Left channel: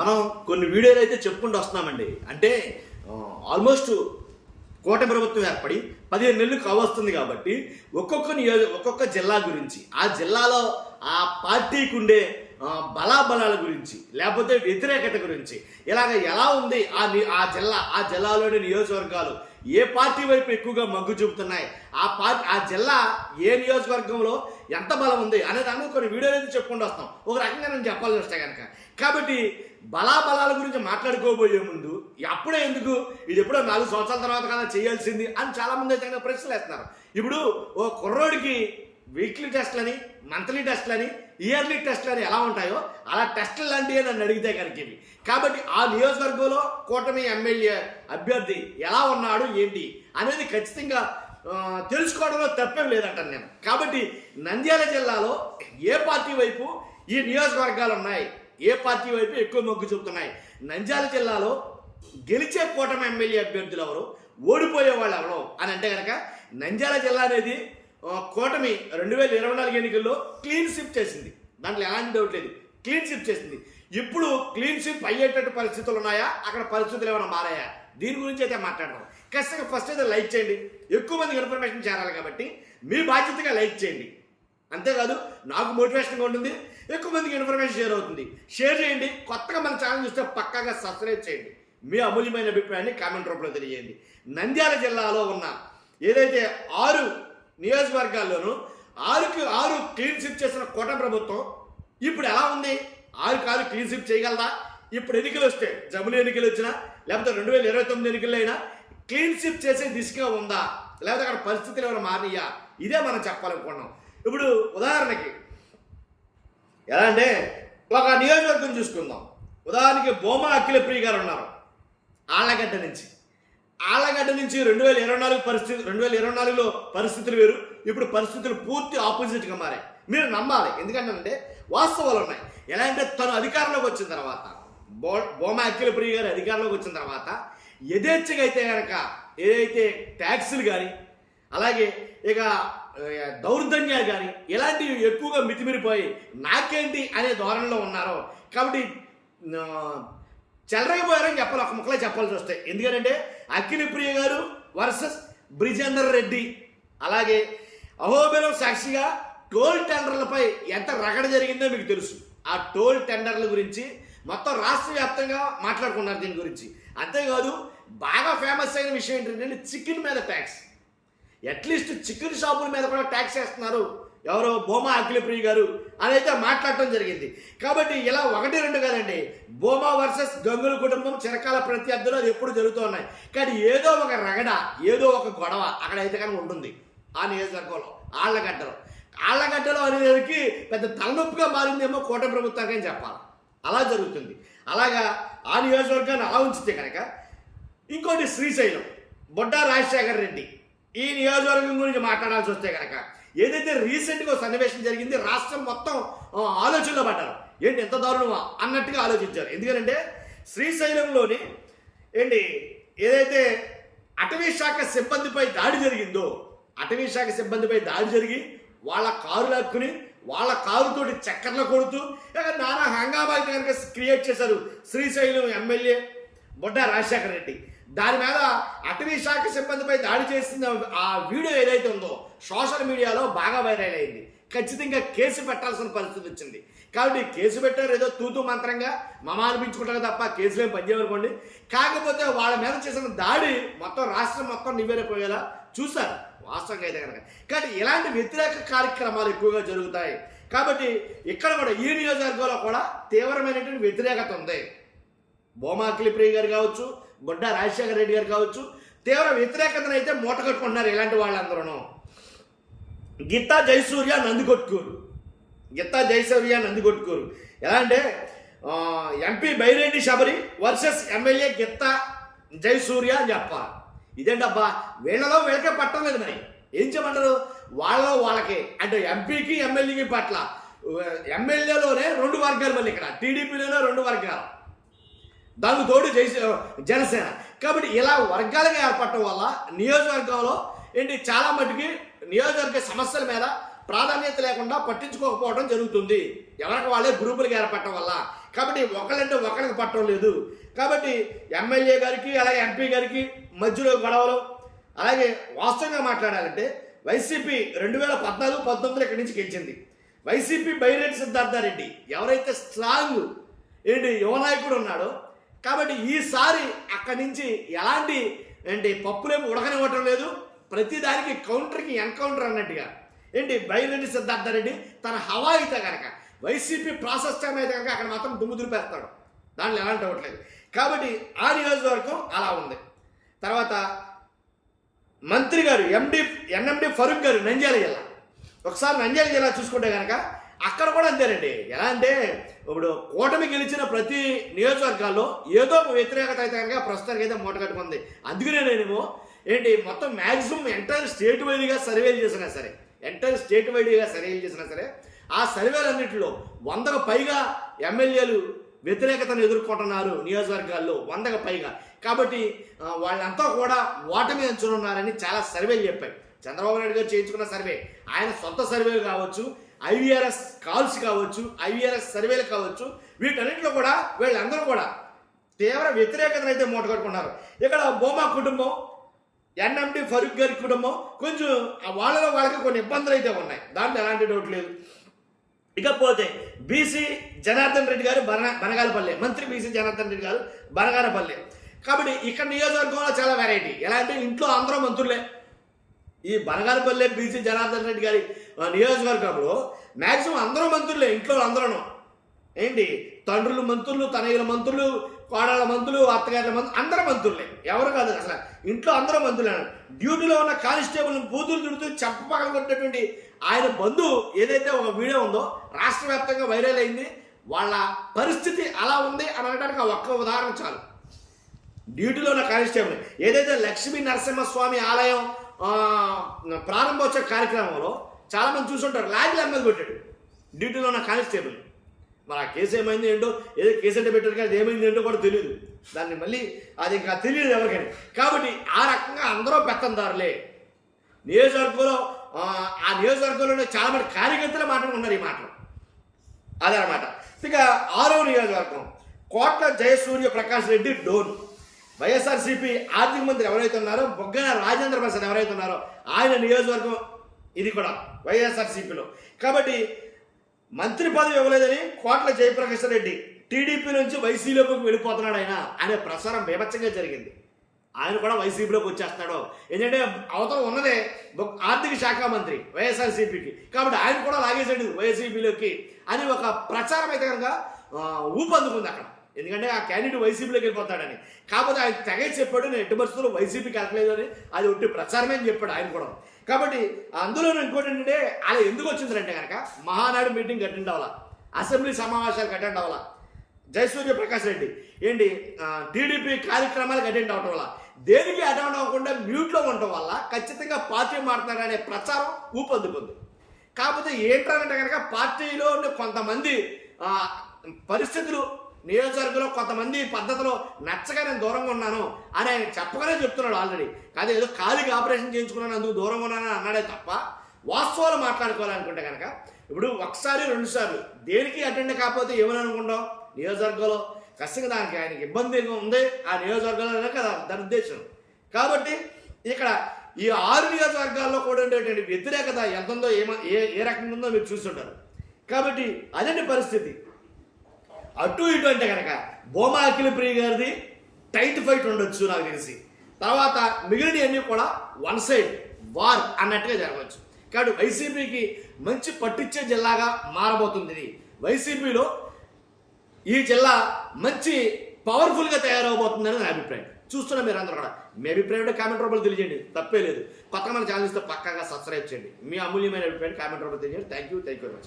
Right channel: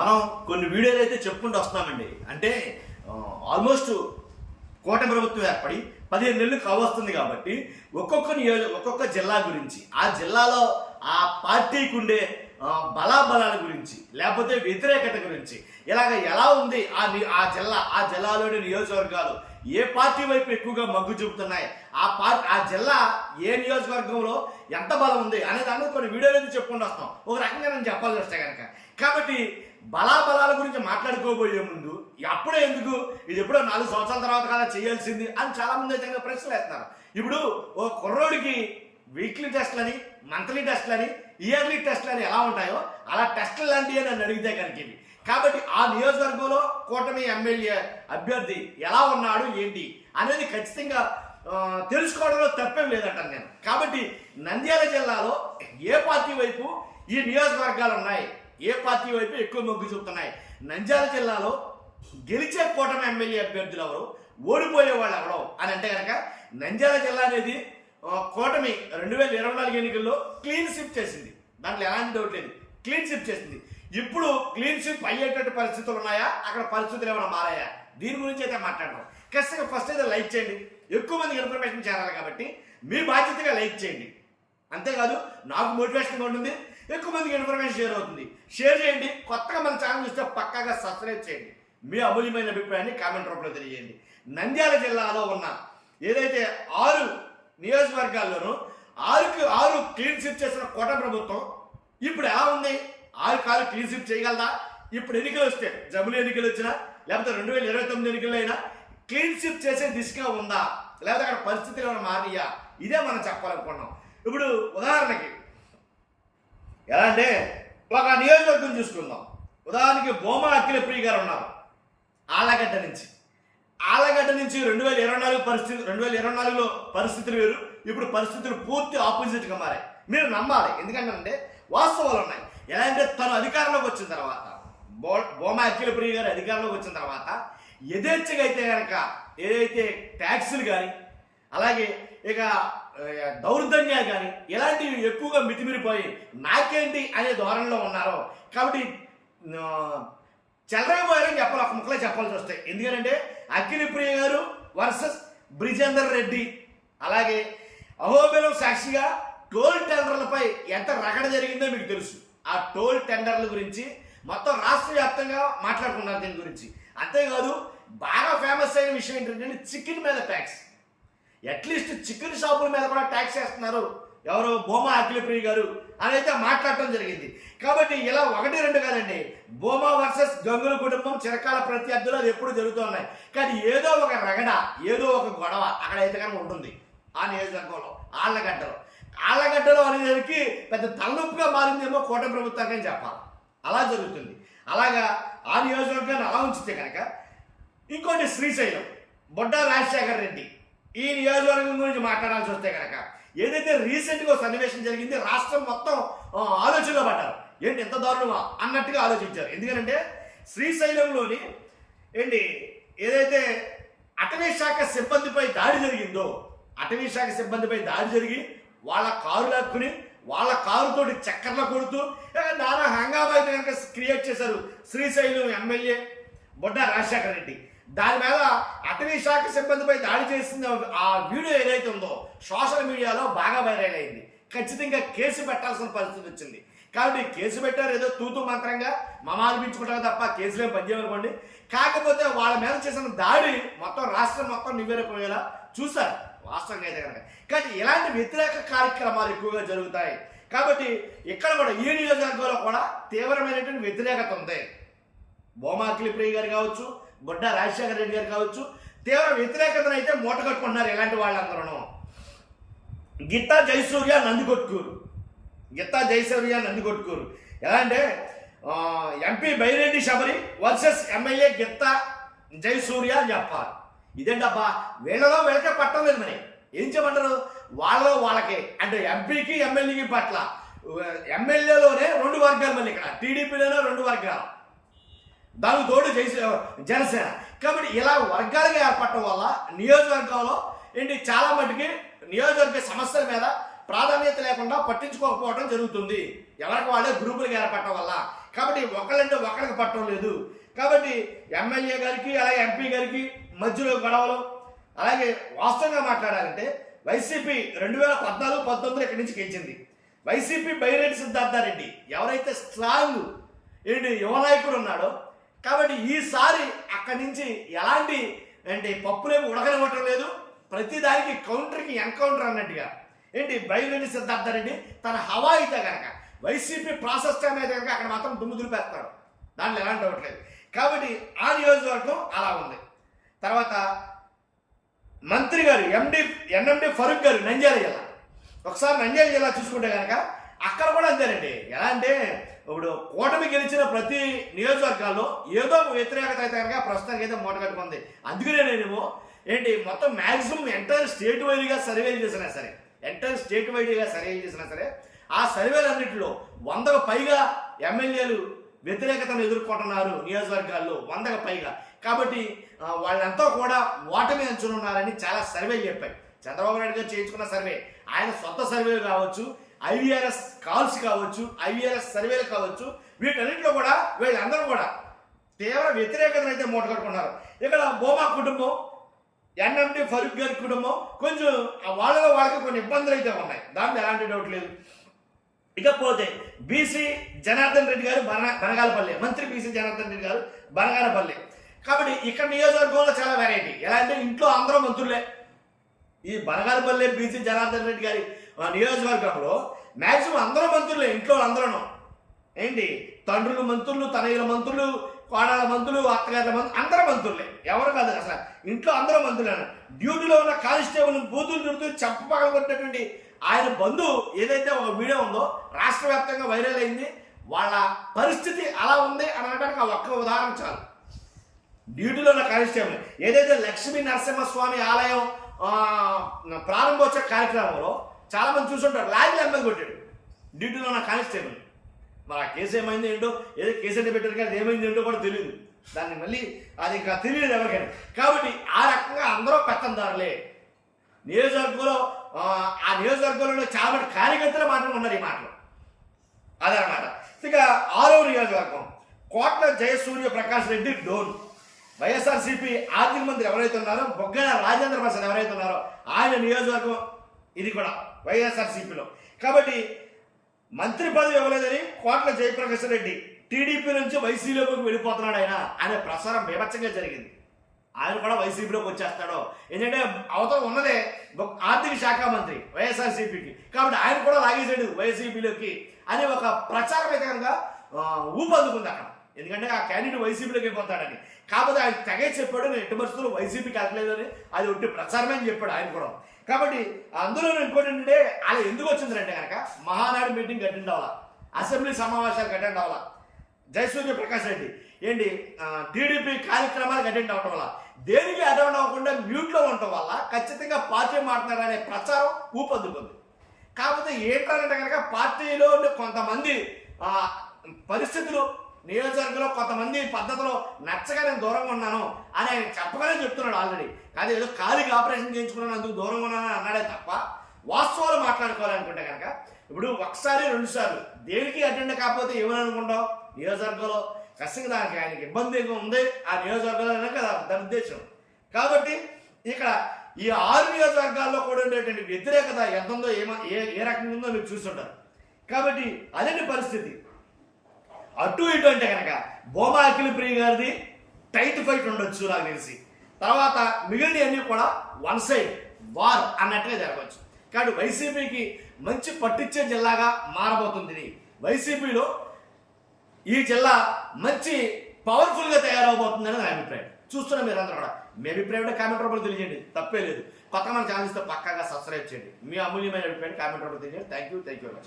మనం కొన్ని వీడియోలు అయితే చెప్పుకుంటూ వస్తున్నామండి. అంటే ఆల్మోస్ట్ కూటమి ప్రభుత్వం ఏర్పడి 15 నెలలు కావస్తుంది కాబట్టి ఒక్కొక్క జిల్లా గురించి, ఆ జిల్లాలో ఆ పార్టీకి ఉండే బలాబలాల గురించి, లేకపోతే వ్యతిరేకత గురించి, ఇలాగ ఎలా ఉంది ఆ జిల్లాలోని నియోజకవర్గాలు ఏ పార్టీ వైపు ఎక్కువగా మగ్గు చూపుతున్నాయి, ఆ జిల్లా ఏ నియోజకవర్గంలో ఎంత బలం ఉంది అనే దాన్ని కొన్ని వీడియోలు అయితే చెప్పుకుంటూ వస్తాం. ఒక రకంగా నేను చెప్పాల్సి వస్తే కనుక. కాబట్టి బలాబలాల గురించి మాట్లాడుకోబోయే ముందు అప్పుడే ఎందుకు, ఇది ఎప్పుడో 4 సంవత్సరాల తర్వాత కదా చేయాల్సింది అని చాలామంది అయితే ప్రశ్నలు వేస్తున్నారు. ఇప్పుడు ఓ కుర్రోడికి వీక్లీ టెస్ట్లని, మంత్లీ టెస్ట్లని, ఇయర్లీ టెస్ట్లని ఎలా ఉంటాయో అలా టెస్టులు లాంటివి నన్ను అడిగితే కనుక ఇవి. కాబట్టి ఆ నియోజకవర్గంలో కూటమి ఎమ్మెల్యే అభ్యర్థి ఎలా ఉన్నాడు ఏంటి అనేది ఖచ్చితంగా తెలుసుకోవడంలో తప్పేం లేదంటాను నేను. కాబట్టి నంద్యాల జిల్లాలో ఏ పార్టీ వైపు ఈ నియోజకవర్గాలు ఉన్నాయి, ఏ పార్టీ వైపు ఎక్కువ మొగ్గు చూపుతున్నాయి, నంద్యాల జిల్లాలో గెలిచే కూటమి ఎమ్మెల్యే అభ్యర్థులు ఎవరు, ఓడిపోయే వాళ్ళు ఎవరో అని అంటే కనుక నంద్యాల జిల్లా అనేది కూటమి 2024 ఎన్నికల్లో క్లీన్ స్విప్ చేసింది. దాంట్లో ఎలాంటి డౌట్ లేదు, క్లీన్ స్విప్ చేసింది. ఇప్పుడు క్లీన్ స్విప్ అయ్యేటట్టు పరిస్థితులు ఉన్నాయా, అక్కడ పరిస్థితులు ఏమైనా మారాయా, దీని గురించి అయితే మాట్లాడదాం. ఖచ్చితంగా ఫస్ట్ అయితే లైక్ చేయండి, ఎక్కువ మందికి ఇన్ఫర్మేషన్ చేరాలి కాబట్టి మీ బాధ్యతగా లైక్ చేయండి. అంతేకాదు నాకు మోటివేషన్గా ఉంటుంది, ఎక్కువ మందికి ఇన్ఫర్మేషన్ షేర్ అవుతుంది. షేర్ చేయండి, కొత్తగా మన ఛానల్ చూస్తే పక్కాగా సబ్స్క్రైబ్ చేయండి. మీ అమూల్యమైన అభిప్రాయాన్ని కామెంట్ రూపంలో తెలియజేయండి. నంద్యాల జిల్లాలో ఉన్న ఏదైతే 6 నియోజకవర్గాల్లోనూ 6కి 6 క్లీన్ స్విప్ చేసిన కూటమి ప్రభుత్వం ఇప్పుడు ఎలా ఉంది, 6కి 6 క్లీన్ స్విప్ చేయగలదా? ఇప్పుడు ఎన్నికలు వస్తే, జమిలీ ఎన్నికలు వచ్చినా లేకపోతే 2029 ఎన్నికల్లో అయినా క్లీన్ స్విప్ చేసే దిశగా ఉందా, లేకపోతే అక్కడ పరిస్థితులు ఏమైనా మారినాయా, ఇదే మనం చెప్పాలనుకున్నాం. ఇప్పుడు ఉదాహరణకి ఎలా అంటే ఒక నియోజకవర్గం చూసుకుందాం. ఉదాహరణకి భూమా అఖిలప్రియ గారు ఉన్నారు ఆళ్లగడ్డ నుంచి. 2024 పరిస్థితి, 2024లో పరిస్థితులు వేరు, ఇప్పుడు పరిస్థితులు పూర్తి ఆపోజిట్గా మారాయి. మీరు నమ్మాలి, ఎందుకంటే వాస్తవాలు ఉన్నాయి. ఎలా అంటే తను అధికారంలోకి వచ్చిన తర్వాత, భూమా అఖిలప్రియ గారు అధికారంలోకి వచ్చిన తర్వాత యథేచ్ఛగా అయితే కనుక ఏదైతే ట్యాక్సులు కానీ, అలాగే ఇక దౌర్జన్యాలు కానీ ఇలాంటివి ఎక్కువగా మితిమిరిపోయి నాకేంటి అనే ధోరణిలో ఉన్నారో. కాబట్టి చెలరైపోయారని చెప్పాలి, ఒక ముక్కలే చెప్పాల్సి వస్తాయి. ఎందుకంటే అఖిలప్రియ గారు వర్సెస్ బ్రిజేందర్ రెడ్డి, అలాగే అహోబిలం సాక్షిగా టోల్ టెండర్లపై ఎంత రగడ జరిగిందో మీకు తెలుసు. ఆ టోల్ టెండర్ల గురించి మొత్తం రాష్ట్ర వ్యాప్తంగా మాట్లాడుకున్నారు దీని గురించి. అంతేకాదు బాగా ఫేమస్ అయిన విషయం ఏంటంటే చికెన్ మీద ట్యాక్స్. అట్లీస్ట్ చికెన్ షాపుల మీద కూడా ట్యాక్స్ వేస్తున్నారు ఎవరు, భూమా అఖిలప్రియ గారు అని అయితే మాట్లాడటం జరిగింది. కాబట్టి ఇలా 1-2 కాదండి, భూమా వర్సెస్ గంగుల కుటుంబం చిరకాల ప్రత్యర్థులు అది ఎప్పుడు జరుగుతూ ఉన్నాయి. కానీ ఏదో ఒక రగడ, ఏదో ఒక గొడవ అక్కడైతే కనుక ఉంటుంది ఆ నియోజకవర్గంలో. ఆళ్లగడ్డలో అనేదానికి పెద్ద తలనొప్పిగా మారిందేమో కూటమి ప్రభుత్వానికి అని చెప్పాలి. అలా జరుగుతుంది. అలాగా ఆ నియోజకవర్గాన్ని అలా ఉంచితే కనుక ఇంకోటి శ్రీశైలం, బొడ్డా రాజశేఖర్ రెడ్డి, ఈ నియోజకవర్గం గురించి మాట్లాడాల్సి వస్తే కనుక ఏదైతే రీసెంట్గా సన్నివేశం జరిగింది, రాష్ట్రం మొత్తం ఆలోచనలో పడ్డారు. ఏంటి ఎంత దారుణమా అన్నట్టుగా ఆలోచించారు. ఎందుకంటే శ్రీశైలంలోని ఏదైతే అటవీ శాఖ సిబ్బందిపై దాడి జరిగిందో, అటవీ శాఖ సిబ్బందిపై దాడి జరిగి వాళ్ళ కారు లాక్కుని వాళ్ళ కారుతోటి చక్కర్లు కొడుతూ నానా హంగామా అయితే కనుక క్రియేట్ చేశారు శ్రీశైలం ఎమ్మెల్యే బొడ్డా రాజశేఖర్ రెడ్డి. దాని మీద అటవీ శాఖ సిబ్బందిపై దాడి చేసిన ఆ వీడియో ఏదైతే ఉందో సోషల్ మీడియాలో బాగా వైరల్ అయింది. ఖచ్చితంగా కేసు పెట్టాల్సిన పరిస్థితి వచ్చింది. కాబట్టి కేసు పెట్టారు, ఏదో తూతూ మంత్రంగా అనిపించుకుంటారు తప్ప కేసులేం పనిచేయమనుకోండి. కాకపోతే వాళ్ళ మీద చేసిన దాడి మొత్తం రాష్ట్రం మొత్తం నివ్వెరపోయేలా చూశారు వాస్తవంగా అయితే కనుక. కాబట్టి ఇలాంటి వ్యతిరేక కార్యక్రమాలు ఎక్కువగా జరుగుతాయి. కాబట్టి ఇక్కడ కూడా ఈ నియోజకవర్గంలో కూడా తీవ్రమైనటువంటి వ్యతిరేకత ఉంది. భూమా అఖిలప్రియ గారు కావచ్చు, బొడ్డా రాజశేఖర రెడ్డి గారు కావచ్చు, తీవ్ర వ్యతిరేకతను అయితే మూట కట్టుకుంటున్నారు ఇలాంటి వాళ్ళందరూ. గిత్తా జయసూర్య నందికొట్కూరు ఎలా అంటే MP Byreddy Shabari versus MLA Gitta Jayasurya అని చెప్పాలి. ఇదేంటబ్బా, వీళ్ళకే పట్టం లేదు. మరి ఏం చేయమంటారు, వాళ్ళలో వాళ్ళకే అంటే ఎంపీకి ఎమ్మెల్యేకి పట్ల. ఎమ్మెల్యేలోనే 2 వర్గాలు, మళ్ళీ ఇక్కడ టీడీపీలోనే 2 వర్గాలు, దానికి తోడు జనసేన. కాబట్టి ఇలా వర్గాలుగా ఏర్పడటం వల్ల నియోజకవర్గంలో చాలా మటుకి నియోజకవర్గ సమస్యల మీద ప్రాధాన్యత లేకుండా పట్టించుకోకపోవడం జరుగుతుంది, ఎవరికి వాళ్ళే గ్రూపులుగా ఏర్పడటం వల్ల. కాబట్టి ఒకళ్ళంటే ఒకరికి పట్టడం లేదు. కాబట్టి ఎమ్మెల్యే గారికి అలాగే ఎంపీ గారికి మధ్యలో గొడవలు. అలాగే వాస్తవంగా మాట్లాడాలంటే వైసీపీ 2014-19 ఇక్కడి నుంచి గెలిచింది. వైసీపీ బైరెడ్డి సిద్ధార్థారెడ్డి ఎవరైతే స్ట్రాంగ్ యువ నాయకుడు ఉన్నాడో, కాబట్టి ఈసారి అక్కడి నుంచి ఎలాంటి పప్పులేమి ఉడకనివ్వటం లేదు. ప్రతిదానికి కౌంటర్కి ఎన్కౌంటర్ అన్నట్టుగా బైరెడ్డి సిద్ధార్థారెడ్డి తన హవా అయితే కనుక వైసీపీ ప్రాసెస్ టైం అయితే కనుక అక్కడ మాత్రం దుమ్ము దులిపేస్తాడు, దాంట్లో ఎలాంటి అవ్వట్లేదు. కాబట్టి ఆ నియోజకవర్గం అలా ఉంది. తర్వాత మంత్రి గారు ఎన్ఎండి ఫరూక్ గారు నంద్యాల జిల్లా. ఒకసారి నంద్యాల జిల్లా చూసుకుంటే కనుక అక్కడ కూడా అంతేనండి. ఎలా అంటే ఇప్పుడు కూటమి గెలిచిన ప్రతి నియోజకవర్గాల్లో ఏదో వ్యతిరేకత అయితే కనుక ప్రస్తుతానికి అయితే మూట కట్టుకుంది. అందుకనే నేనేమో మొత్తం మ్యాక్సిమం ఎంటైర్ స్టేట్ వైడ్గా సర్వేలు చేసినా సరే ఆ సర్వేలన్నింటిలో 100కు పైగా ఎమ్మెల్యేలు వ్యతిరేకతను ఎదుర్కొంటున్నారు నియోజకవర్గాల్లో, 100కు పైగా. కాబట్టి వాళ్ళంతా కూడా ఓటమి అంచునున్నారని చాలా సర్వేలు చెప్పాయి. చంద్రబాబు నాయుడు గారు చేయించుకున్న సర్వే, ఆయన సొంత సర్వేలు కావచ్చు, ఐవీఆర్ఎస్ కాల్స్ కావచ్చు, ఐవీఆర్ఎస్ సర్వేలు కావచ్చు, వీటన్నింటిలో కూడా వీళ్ళందరూ కూడా తీవ్ర వ్యతిరేకతను అయితే మూటగట్టుకున్నారు. ఇక్కడ బోమా కుటుంబం, ఎన్ఎండి ఫరూక్ గారి కుటుంబం కొంచెం వాళ్ళకి కొన్ని ఇబ్బందులు అయితే ఉన్నాయి, దాంట్లో ఎలాంటి డౌట్ లేదు. ఇకపోతే బీసీ జనార్దన్ రెడ్డి గారు బనగానపల్లి, మంత్రి బీసీ జనార్దన్ రెడ్డి గారు బనగానపల్లి. కాబట్టి ఇక్కడ నియోజకవర్గంలో చాలా వెరైటీ. ఎలా అంటే ఇంట్లో అందరూ మంత్రులే. ఈ బనగానపల్లి బీసీ జనార్దన్ రెడ్డి గారి నియోజకవర్గంలో మ్యాక్సిమం అందరూ మంత్రులే. ఇంట్లో అందరూ తండ్రులు మంత్రులు, తనయుల మంత్రులు, కోడళ్ళ మంత్రులు, అత్తగారుల మంత్రులు, అందరూ మంత్రులే. ఎవరు కాదు అసలు, ఇంట్లో అందరూ మంత్రులే. డ్యూటీలో ఉన్న కానిస్టేబుల్ బూతులు తిడుతూ చెప్ప పగలగొట్టినటువంటి ఆయన బంధువు ఏదైతే ఒక వీడియో ఉందో రాష్ట్ర వ్యాప్తంగా వైరల్ అయింది. వాళ్ళ పరిస్థితి అలా ఉంది అని అనడానికి ఆ ఒక్క ఉదాహరణ చాలు. డ్యూటీలో ఉన్న కానిస్టేబుల్ ఏదైతే లక్ష్మీ నరసింహస్వామి ఆలయం ప్రారంభోత్సవ కార్యక్రమంలో చాలామంది చూసుంటారు, లాగిలు ఎమ్మెల్యే కొట్టాడు డ్యూటీలో ఉన్న కానిస్టేబుల్. మరి ఆ కేసు ఏమైంది ఏంటో, ఏదో కేసు అంటే పెట్టారు కానీ ఏమైంది ఏంటో కూడా తెలియదు. దాన్ని మళ్ళీ అది ఇంకా తెలియదు ఎవరికైనా. కాబట్టి ఆ రకంగా అందరూ పెత్తందారులే. నియోజకవర్గంలో ఆ నియోజకవర్గంలో చాలా మంది కార్యకర్తలు మాట్లాడుకున్నారు ఈ మాటలు. అదనమాట. ఇక 6వ నియోజకవర్గం కోట్ల జయసూర్య ప్రకాష్ రెడ్డి డోన్. వైఎస్ఆర్సీపీ ఆర్థిక మంత్రి ఎవరైతే ఉన్నారో బొగ్గన రాజేంద్ర ప్రసాద్ ఎవరైతే ఉన్నారో ఆయన నియోజకవర్గం ఇది కూడా వైఎస్ఆర్సీపీలో. కాబట్టి మంత్రి పదవి ఇవ్వలేదని కోట్ల జయప్రకాష్ రెడ్డి టీడీపీ నుంచి వైసీపీలోకి వెళ్ళిపోతున్నాడు ఆయన అనే ప్రసారం బీభత్సంగా జరిగింది. ఆయన కూడా వైసీపీలోకి వచ్చేస్తాడు. ఎందుకంటే అవతల ఉన్నదే ఆర్థిక శాఖ మంత్రి వైఎస్ఆర్సీపీకి, కాబట్టి ఆయన కూడా లాగేశాడు వైసీపీలోకి అని ఒక ప్రచారం అయితే కనుక ఊపందుకుంది అక్కడ. ఎందుకంటే ఆ క్యాండిడేట్ వైసీపీలోకి వెళ్ళిపోతాడని. కాకపోతే ఆయన తెగే చెప్పాడు, నేను ఎట్టి పరిస్థితుల్లో వైసీపీకి వెళ్ళలేదని, అది ఒట్టి ప్రచారమే అని చెప్పాడు ఆయన కూడా. కాబట్టి అందులో ఇంకోటి ఏంటంటే అలా ఎందుకు వచ్చిందంటే కనుక మహానాడు మీటింగ్ అటెండ్ అవ్వాలా, అసెంబ్లీ సమావేశాలకు అటెండ్ అవ్వాలా జయసూర్య ప్రకాష్ రెడ్డి, టీడీపీ కార్యక్రమాలకు అటెండ్ అవ్వటం వల్ల, దేనికి అటెండ్ అవ్వకుండా మ్యూట్లో ఉండటం వల్ల ఖచ్చితంగా పార్టీ మారుతున్నారనే ప్రచారం ఊపందుకుంది. కాకపోతే ఏంటంటే కనుక పార్టీలో కొంతమంది పరిస్థితులు నియోజకవర్గంలో కొంతమంది పద్ధతిలో నచ్చగా నేను దూరంగా ఉన్నాను అని ఆయన చెప్పగానే చెప్తున్నాడు ఆల్రెడీ. కాదు ఏదో కాలికి ఆపరేషన్ చేయించుకున్నాను అందుకు దూరంగా ఉన్నాను అన్నాడే తప్ప వాస్తవాలు మాట్లాడుకోవాలనుకుంటే కనుక ఇప్పుడు ఒకసారి 2 సార్లు దేనికి అటెండ్ కాకపోతే ఏమని అనుకుంటాం. నియోజకవర్గంలో ఖచ్చితంగా దానికి ఆయనకి ఇబ్బంది ఉంది ఆ నియోజకవర్గాలనే కదా దాని ఉద్దేశం. కాబట్టి ఇక్కడ ఈ 6 నియోజకవర్గాల్లో కూడా ఉండేటువంటి వ్యతిరేకత ఎంత ఉందో ఏ రకంగా ఉందో మీరు చూస్తుంటారు. కాబట్టి అదండి పరిస్థితి. అటు ఇటు అంటే కనుక బోమా అఖిలప్రియ గారిది టైట్ ఫైట్ ఉండొచ్చు నాకు తెలిసి. తర్వాత మిగిలినవన్నీ కూడా వన్ సైడ్ వార్ అన్నట్టుగా జరగవచ్చు. కాబట్టి వైసీపీకి మంచి పట్టించే జిల్లాగా మారబోతుంది. వైసీపీలో ఈ జిల్లా మంచి పవర్ఫుల్గా తయారవబోతుందని నా అభిప్రాయం. చూస్తున్నా మీరు అందరూ కూడా మీ అభిప్రాయం కామెంట్ రూపంలో తెలియజేయండి, తప్పే లేదు. కొత్తగా మన ఛానల్ ఇస్తే పక్కాగా సబ్స్క్రైబ్ చేయండి. మీ అమూల్యమైన అభిప్రాయాన్ని కామెంట్ రూపంలో తెలియజేయండి. Thank you very much.